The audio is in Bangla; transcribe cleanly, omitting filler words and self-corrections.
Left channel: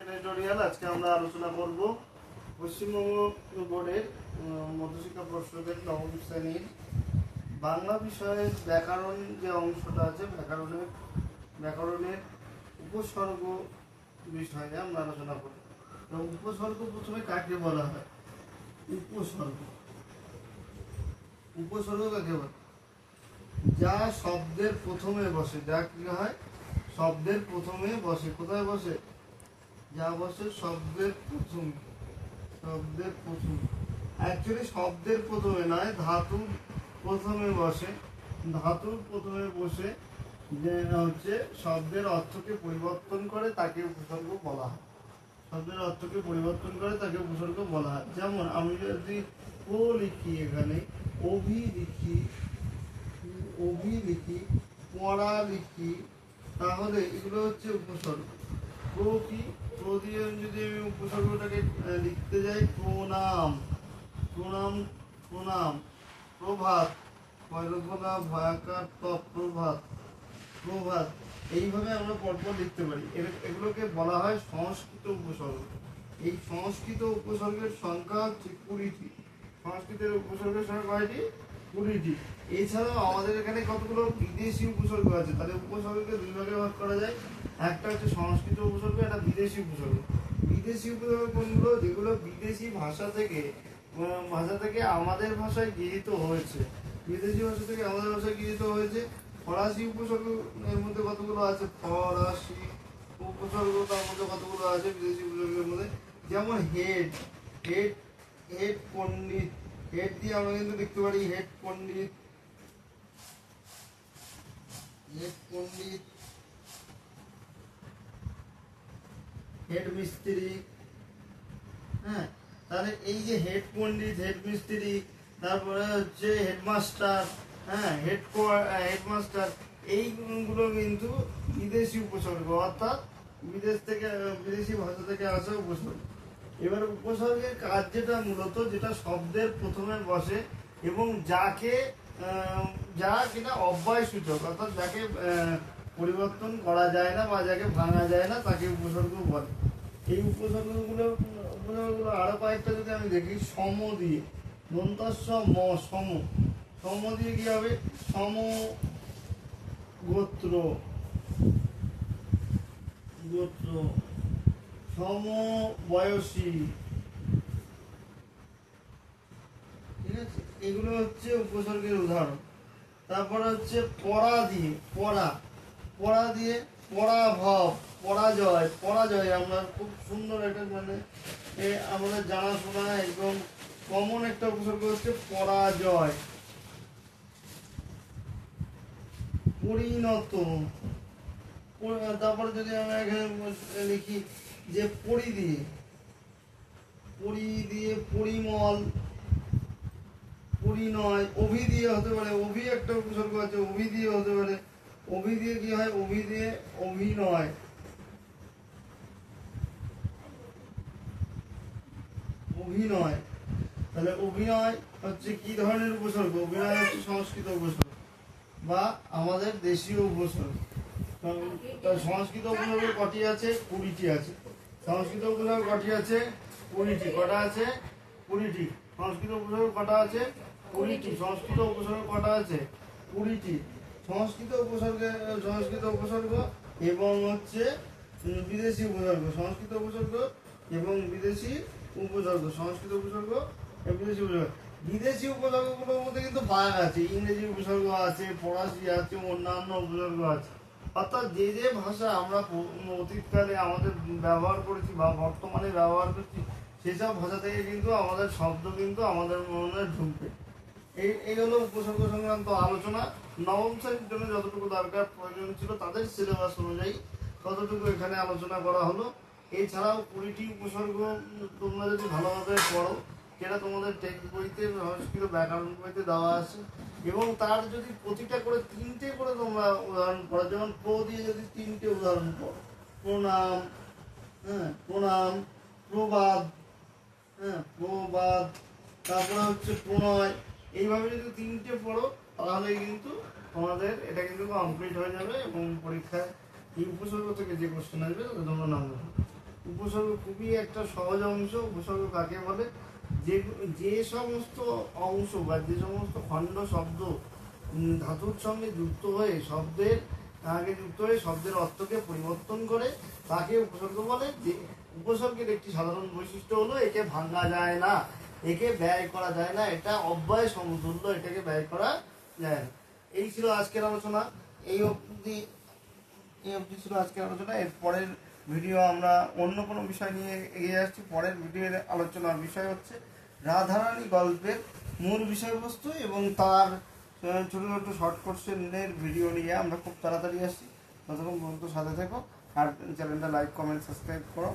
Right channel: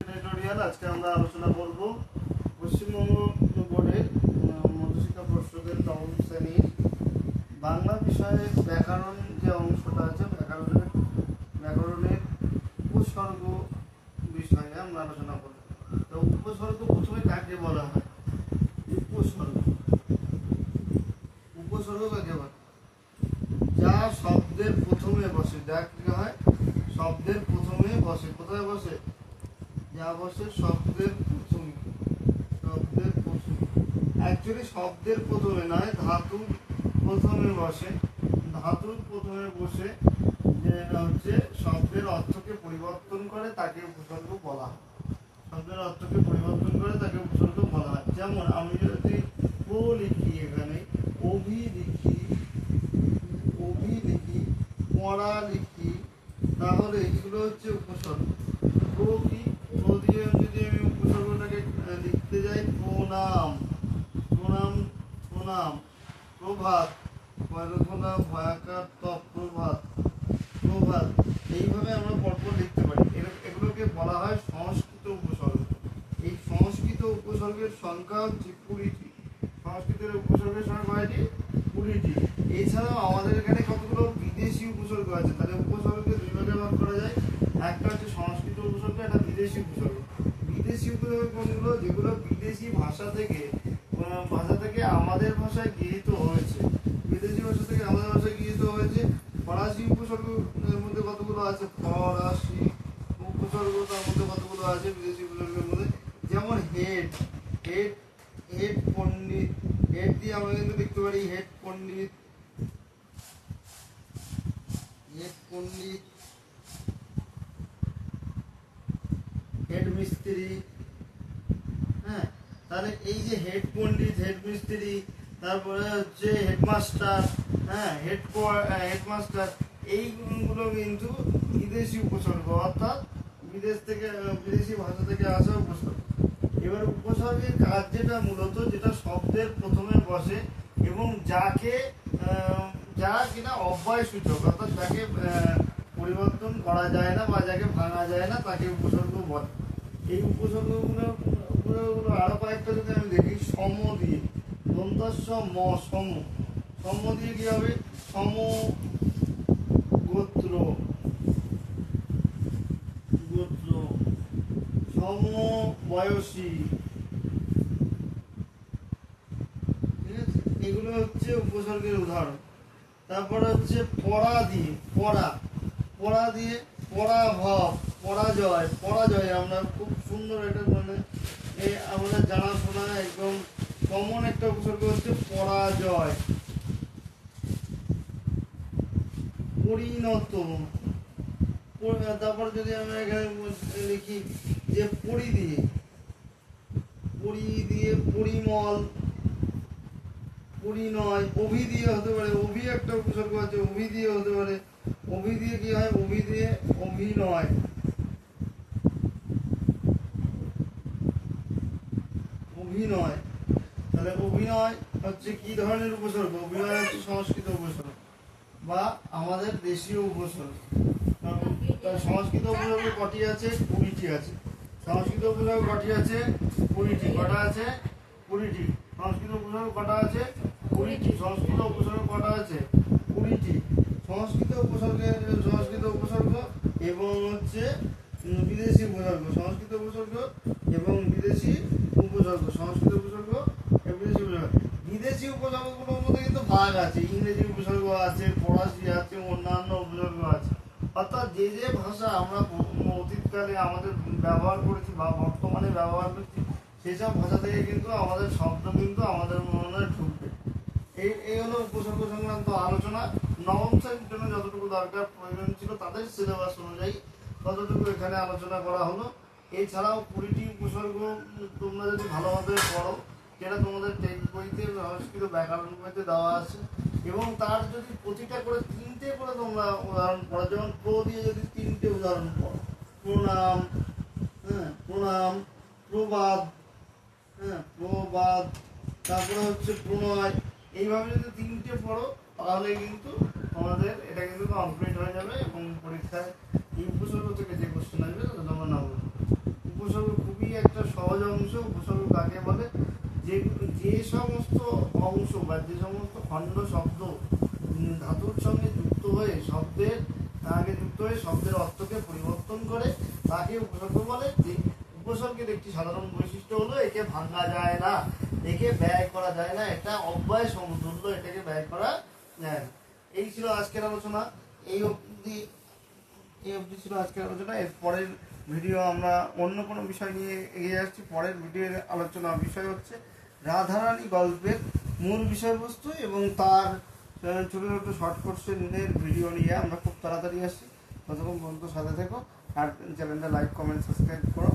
টিউটোরিয়াল আজকে আমরা আলোচনা করব পশ্চিমবঙ্গ বোর্ডের মধ্যশিক্ষা পর্ষদের নবম শ্রেণীর বাংলা বিষয়ের ব্যাকরণ যে অংশটা আছে ব্যাকরণের উপসর্গ বিষয়ে আমরা আলোচনা করব। উপসর্গ প্রথমে কাকে বলা হয়? উপসর্গ কাকে বলে? যা শব্দের প্রথমে বসে, যা কি হয় শব্দের প্রথমে বসে। কোথায় বসে? যা বসে শব্দের প্রথমে। অ্যাকচুয়ালি শব্দের প্রথমে নয়, ধাতুর প্রথমে বসে। ধাতুর প্রথমে বসে যে হচ্ছে শব্দের অর্থকে পরিবর্তন করে তাকে উপসর্গ বলা হয়। শব্দের অর্থকে পরিবর্তন করে তাকে উপসর্গ বলা হয়। যেমন আমি যদি ও লিখি, এখানে অভি লিখি, পড়া লিখি, তাহলে এগুলো হচ্ছে উপসর্গ। প্রো কি? প্রো দিয়ে যদি আমি উপসর্গটাকে লিখতে যাই, প্রণাম, প্রভাত, ভয়াকার প্রভাত, এইভাবে আমরা পরপর লিখতে পারি। এগুলোকে বলা হয় সংস্কৃত উপসর্গ। এই সংস্কৃত উপসর্গের সংখ্যা হচ্ছে 20টি। সংস্কৃতের উপসর্গের সংখ্যা কয়টি? 20টি। এছাড়াও আমাদের এখানে কতগুলো বিদেশি উপসর্গ আছে। তাহলে উপসর্গকে দুই ভাগে ভাগ করা যায়। একটা হচ্ছে সংস্কৃত উপসর্গ, একটা বিদেশি উপসর্গ। বিদেশি উপসর্গ কোনগুলো? যেগুলো বিদেশি ভাষা থেকে আমাদের ভাষায় গৃহীত হয়েছে। বিদেশি ভাষা থেকে আমাদের ভাষায় গৃহীত হয়েছে। ফরাসি উপসর্গ এর মধ্যে কতগুলো আছে? ফরাসি উপসর্গ তার মধ্যে কতগুলো আছে বিদেশি উপসর্গের মধ্যে? যেমন হেড পণ্ডিত, হেড দিয়ে আমরা কিন্তু লিখতে পারি হেড পণ্ডিত, হেড মিস্ত্রি। হ্যাঁ, তাহলে এই যে হেড পণ্ডিত, হেড মিস্ত্রি, তারপরে হচ্ছে হেডমাস্টার, হ্যাঁ হেডমাস্টার, এইগুলো কিন্তু বিদেশি উপসর্গ, অর্থাৎ বিদেশি ভাষা থেকে আসা উপসর্গ। এবার উপসর্গের কাজ যেটা মূলত, যেটা শব্দের প্রথমে বসে এবং যেটা অব্যয় সূচক, অর্থাৎ যাকে পরিবর্তন করা যায় না বা যাকে ভাঙা যায় না, তাকে উপসর্গ বলে। এই উপসর্গগুলো আরো কয়েকটা যদি আমি দেখি, সম দিয়ে, দন্তাস্য ম, সম দিয়ে কি হবে? সম গোত্র, সম বয়সী, ঠিক আছে? এগুলো হচ্ছে উপসর্গের উদাহরণ। তারপর হচ্ছে পরা দিয়ে, পরাভব, পরাজয়। আমরা খুব সুন্দর এটা, মানে আমাদের জানাশোনা একদম কমন একটা উপসর্গ হচ্ছে পরাজয়। পরিণত। তারপর যদি আমরা এখানে লিখি যে পরি দিয়ে পরিমল, পরিণয়। অভি দিয়ে হতে পারে, অভি একটা উপসর্গ আছে, অভি দিয়ে হতে পারে। অভি দিয়ে কি হয়? অভি দিয়ে অভিনয়, তাহলে অভিনয় হচ্ছে কি ধরনের উপসর্গ? অভিনয় হচ্ছে সংস্কৃত উপসর্গ বা আমাদের দেশীয় উপসর্গ। সংস্কৃত উপসর্গ কটি আছে? 20টি আছে। সংস্কৃত উপসর্গ কটি আছে? 20টি। কটা আছে? 20টি। সংস্কৃত উপসর্গ কটা আছে? 20টি। সংস্কৃত উপসর্গ কটা আছে? 20টি। সংস্কৃত উপসর্গ এবং হচ্ছে বিদেশি উপসর্গ। সংস্কৃত উপসর্গ এবং বিদেশি উপসর্গ। বিদেশি উপসর্গগুলোর মধ্যে কিন্তু ভাগ আছে। ইংরেজি উপসর্গ আছে, ফরাসি আছে, অন্যান্য উপসর্গ আছে। অর্থাৎ যে ভাষা আমরা অতীতকালে আমাদের ব্যবহার করেছি বা বর্তমানে ব্যবহার করছি, সেসব ভাষা থেকে কিন্তু আমাদের শব্দ কিন্তু আমাদের মনে ঢুকবে। এই হলো উপসর্গ সংক্রান্ত আলোচনা। নবম শ্রেণীর জন্য যতটুকু দরকার প্রয়োজন ছিল তাদের সিলেবাস অনুযায়ী ততটুকু এখানে আলোচনা করা হলো। এছাড়াও 20টি উপসর্গ তোমরা যদি ভালোভাবে পড়ো, যেটা তোমাদের টেক্সট বইতে, সংস্কৃত ব্যাকরণ বইতে দেওয়া আছে, এবং তার যদি প্রতিটা করে 3টে করে তোমরা উদাহরণ পড়ো, যেমন প্রো দিয়ে যদি 3টে উদাহরণ পড়ো, প্রণাম, প্রণাম, প্রবাদ, তারপরে হচ্ছে প্রণয়, এইভাবে যদি 3টে পড়ো তাহলে কিন্তু তোমাদের এটা কিন্তু কমপ্লিট হয়ে যাবে এবং পরীক্ষায় এই উপসর্গ থেকে যে কোশ্চেন আসবে তাতে তোমরা নাম্বার। উপসর্গ একটা সহজ অংশ। উপসর্গ কাকে বলে? যে যে সমস্ত অংশ বা যে সমস্ত খণ্ড শব্দ ধাতুর সঙ্গে যুক্ত হয়ে শব্দের শব্দের অর্থকে পরিবর্তন করে তাকে উপসর্গ বলে। যে উপসর্গের একটি সাধারণ বৈশিষ্ট্য হলো একে ভাঙা যায় না, একে ব্যয় করা যায় না, এটা অব্যয় সমতুল্য, এটাকে ব্যয় করা যায় না। এই ছিল আজকের আলোচনা। এই অবধি ছিল আজকের আলোচনা। এর পরের ভিডিও আমরা অন্য কোনো বিষয় নিয়ে এগিয়ে যাচ্ছি। পরের ভিডিওর আলোচনার বিষয় হচ্ছে রাধারানী গল্পের মূল বিষয়বস্তু এবং তার ছোটো ছোটো শর্ট কোশ্চেনের ভিডিও নিয়ে আমরা খুব তাড়াতাড়ি আসি। ততক্ষণ পর্যন্ত সাথে থেকো আর চ্যানেলটা লাইক, কমেন্ট, সাবস্ক্রাইব করো।